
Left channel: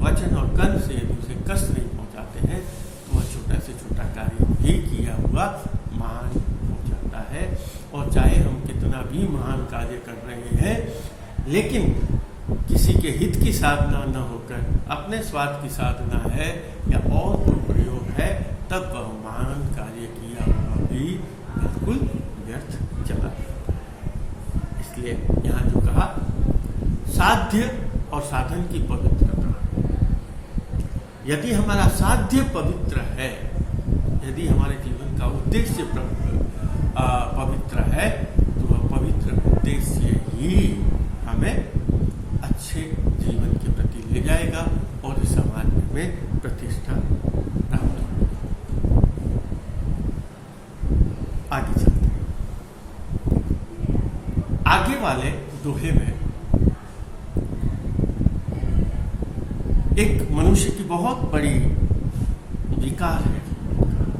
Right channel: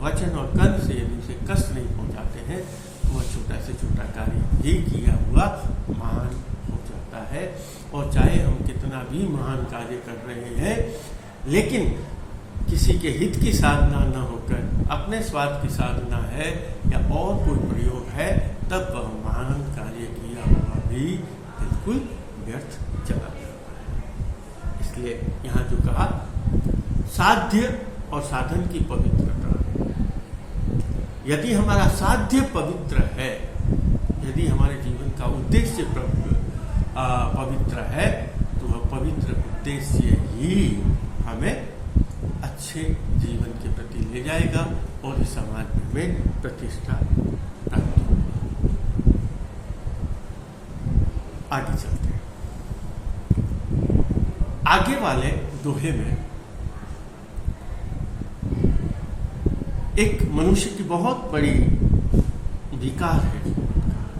वचन और कर्म से यदि उसे कष्ट नहीं पहुंचाते हैं, तो वह छोटा से छोटा कार्य भी किया हुआ महान हो जाता है। और चाहे हम कितना भी महान कार्य कर रहे हैं, लेकिन किसी के हित की साधना न होकर अपने स्वार्थ की साधना है या और कोई प्रयोग है, तब वह महान कार्य किया हुआ भी बिल्कुल व्यर्थ चला जाता है। इसलिए यहाँ जो कहा, साध्य और साधन की पवित्रता, यदि हमारा साध्य पवित्र है, यदि हमारे जीवन का उद्देश्य पवित्र है, तो वह पवित्र उद्देश्य ही हमें अच्छे जीवन के प्रति ले जाएगा और इस समाज में हमें प्रतिष्ठा प्राप्त होगी। आगे चलते हैं। आगे वाले दोहे में एक मनुष्य की बहुत बड़ी विकार है,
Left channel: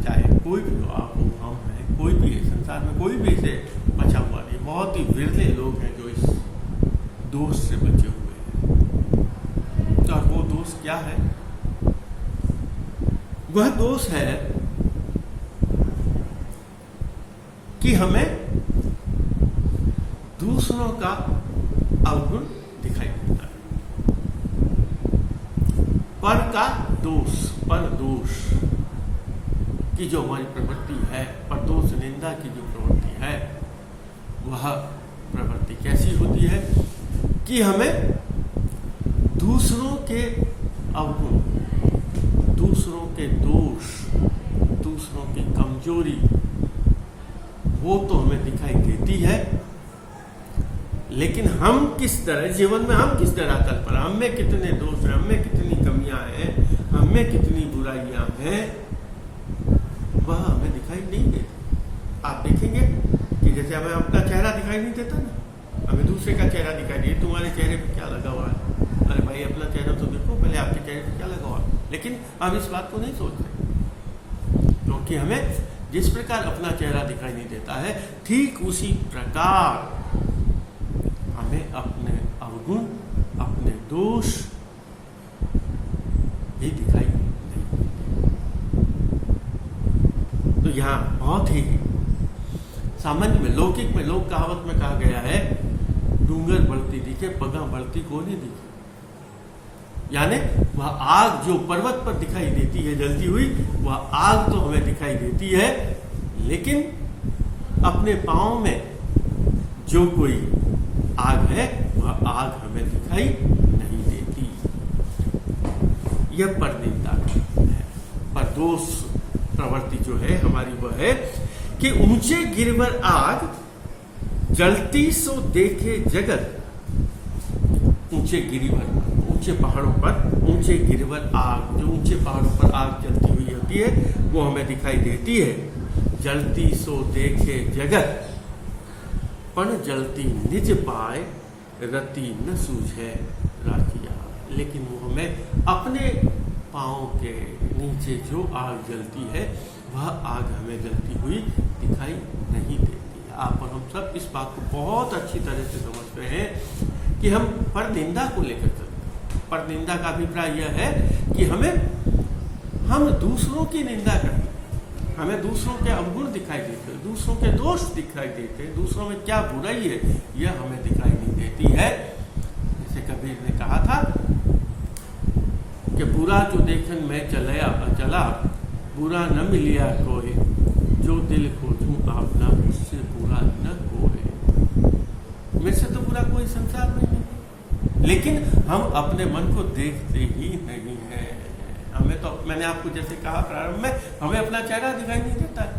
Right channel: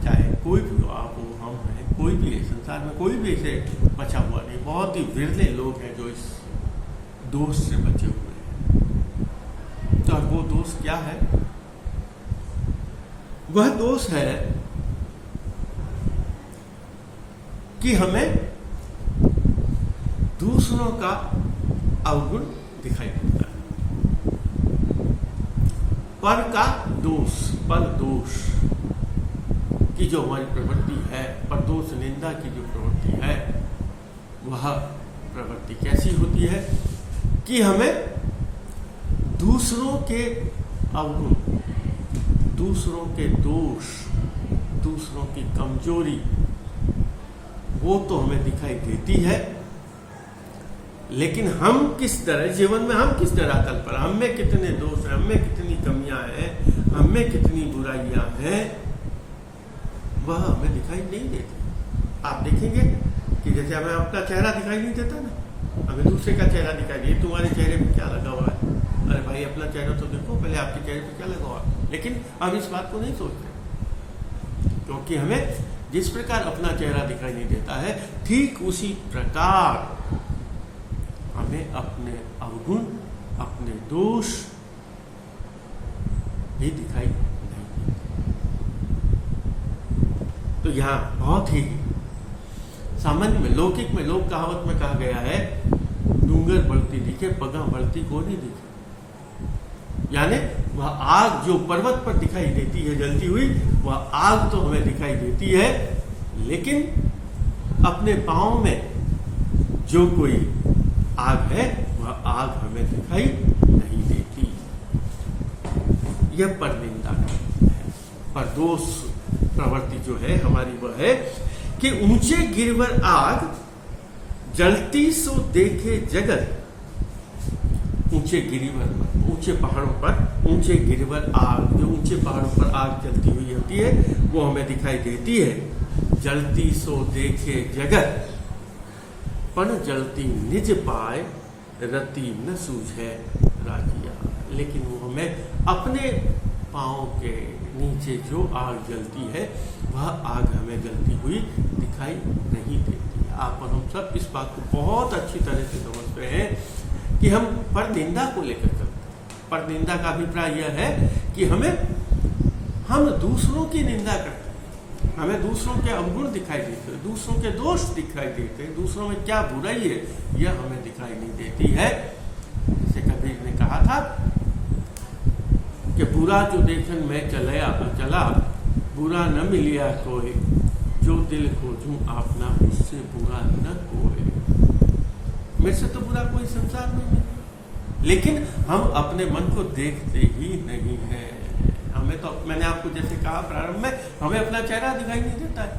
चाहे कोई भी हो, आप हो, हम हैं, कोई भी है, संसार में कोई भी इसे बचा हुआ नहीं। बहुत ही विरले लोग हैं जो इस दोष से बचे हुए हैं। तो वो दोष क्या है? वह दोष है कि हमें दूसरों का अवगुण दिखाई देता है, पर का दोष, पर दोष की जो हमारी प्रवृत्ति है, पर दोष निंदा की जो प्रवृत्ति प्रवृत्ति है। वह प्रवृत्ति कैसी होती है कि हमें दूसरों के अवगुण, दूसरों के दोष, दूसरों की कमजोरी वो तो हमें दिखाई देती है, लेकिन हम किस तरह जीवन में, हम किस तरह तल पर, हम में कितने दोष हैं, हम में कितनी कमियां हैं, हम में कितनी बुराइयां हैं, वह हमें दिखाई नहीं देती। आप देखेंगे कि जैसे हमें अपना चेहरा दिखाई नहीं देता ना, हमें दूसरे का चेहरा दिखाई दे, तुम्हारे चेहरे पे क्या लगा हुआ है, अरे भाई अपना चेहरा तो देखो पहले, आपके चेहरे पे क्या लगा हुआ है। लेकिन हम इस बात को नहीं सोचते, क्योंकि हमें जिस प्रकार अपना चेहरा दिखाई नहीं देता है, ठीक उसी प्रकार हमें अपने अवगुण, अपने दोष भी दिखाई नहीं देते। तो यहां बहुत ही सामान्य में, लौकिक में, लोक कहावत में कहा गया है, डूंगर बढ़ती दिखे पगा बढ़ती को नहीं दिखे। यानी वह आग जो पर्वत पर दिखाई देती है जलती हुई, वह आग तो हमें दिखाई देती है, लेकिन अपने पांव में जो कोई आग है वह आग हमें दिखाई नहीं देती। यह परनिंदा है। परदोष प्रवृत्ति जो है हमारी वह है कि ऊंचे गिरवर आग जलती सो देखे जगत। ऊंचे गिरिवर पर, ऊंचे पहाड़ों पर ऊंचे गिरवर आग, जो ऊंचे पहाड़ों पर आग जलती हुई होती है वो हमें दिखाई देती है। जलती सो देखे जगत, पण जलती निज पाए रति न सूझे राजिया। लेकिन वो हमें अपने पांव के नीचे जो आग जलती है वह आग हमें जलती हुई दिखाई नहीं देती। आप और हम सब इस बात को बहुत अच्छी तरह से समझते हैं कि हम परनिंदा को लेकर चलते हैं। परनिंदा का अभिप्राय यह है कि हम दूसरों की निंदा करते हैं, हमें दूसरों के अवगुण दिखाई देते हैं, दूसरों के दोष दिखाई देते हैं, दूसरों में क्या बुराई है यह हमें दिखाई नहीं देती है। जैसे कबीर ने कहा था कि बुरा जो देखन मैं चला बुरा न मिलिया कोई, जो दिल खोजूं आपना उससे बुरा न कोई। मेरे से तो बुरा कोई संसार में नहीं, लेकिन हम अपने मन को देखते ही नहीं है। हमें तो, मैंने आपको जैसे कहा प्रारंभ में, हमें अपना चेहरा दिखाई नहीं देता है,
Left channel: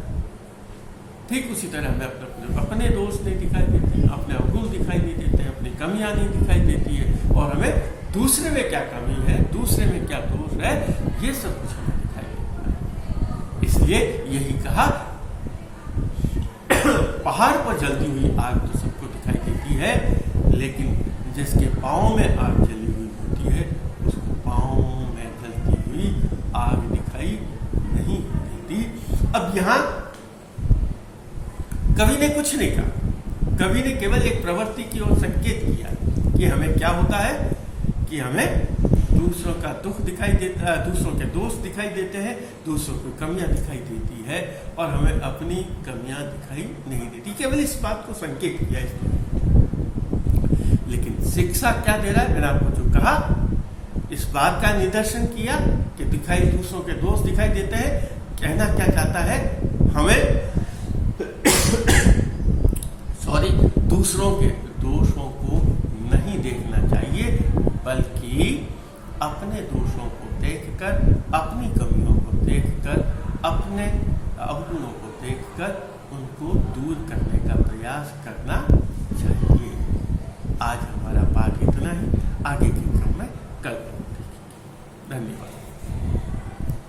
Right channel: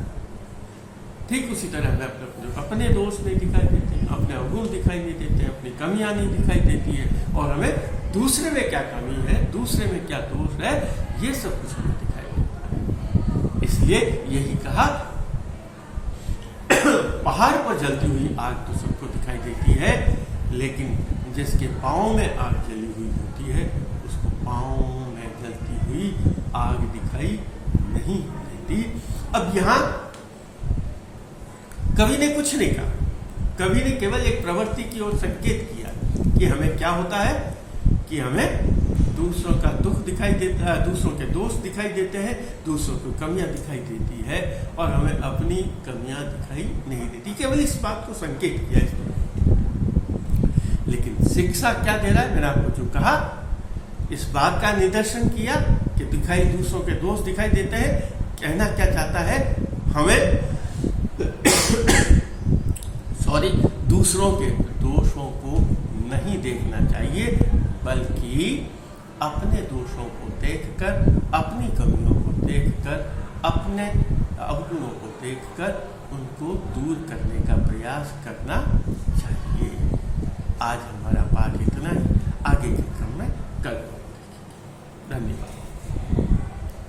ठीक उसी तरह हमें अपने दोष नहीं दिखाई देते, अपने अवगुण दिखाई नहीं देते, अपनी कमियां नहीं दिखाई देती है, और हमें दूसरे में क्या कमी है, दूसरे में क्या दोष है, ये सब कुछ हमें दिखाई देता है। इसलिए यही कहा, पहाड़ पर जलती हुई आग तो सबको दिखाई देती है, लेकिन जिसके पांव में आग जली हुई होती है उसको पांव में जलती हुई आग दिखाई नहीं देती। अब यहां कवि ने कुछ नहीं कहा, कवि ने केवल एक प्रवृत्ति की ओर संकेत किया कि हमें क्या होता है कि हमें दूसरों का दुख दिखाई देता है, दूसरों के दोष दिखाई देते हैं, दूसरों की कमियां दिखाई देती है, और हमें अपनी कमियां दिखाई नहीं देती। केवल इस बात को संकेत किया इसने। लेकिन शिक्षा क्या दे रहा है, मैंने आपको जो कहा, इस बात का निदर्शन किया कि दूसरों के दोष दिखाई देते हैं। कहना क्या चाहता है, हमें दूसरों के दोषों को नहीं देखना चाहिए, बल्कि अपने दोषों को देखकर, अपनी कमियों को देखकर, अपने अवगुणों को देखकर उनको दूर करने का प्रयास करना चाहिए। आज हमारा पाठ इतना ही, आगे के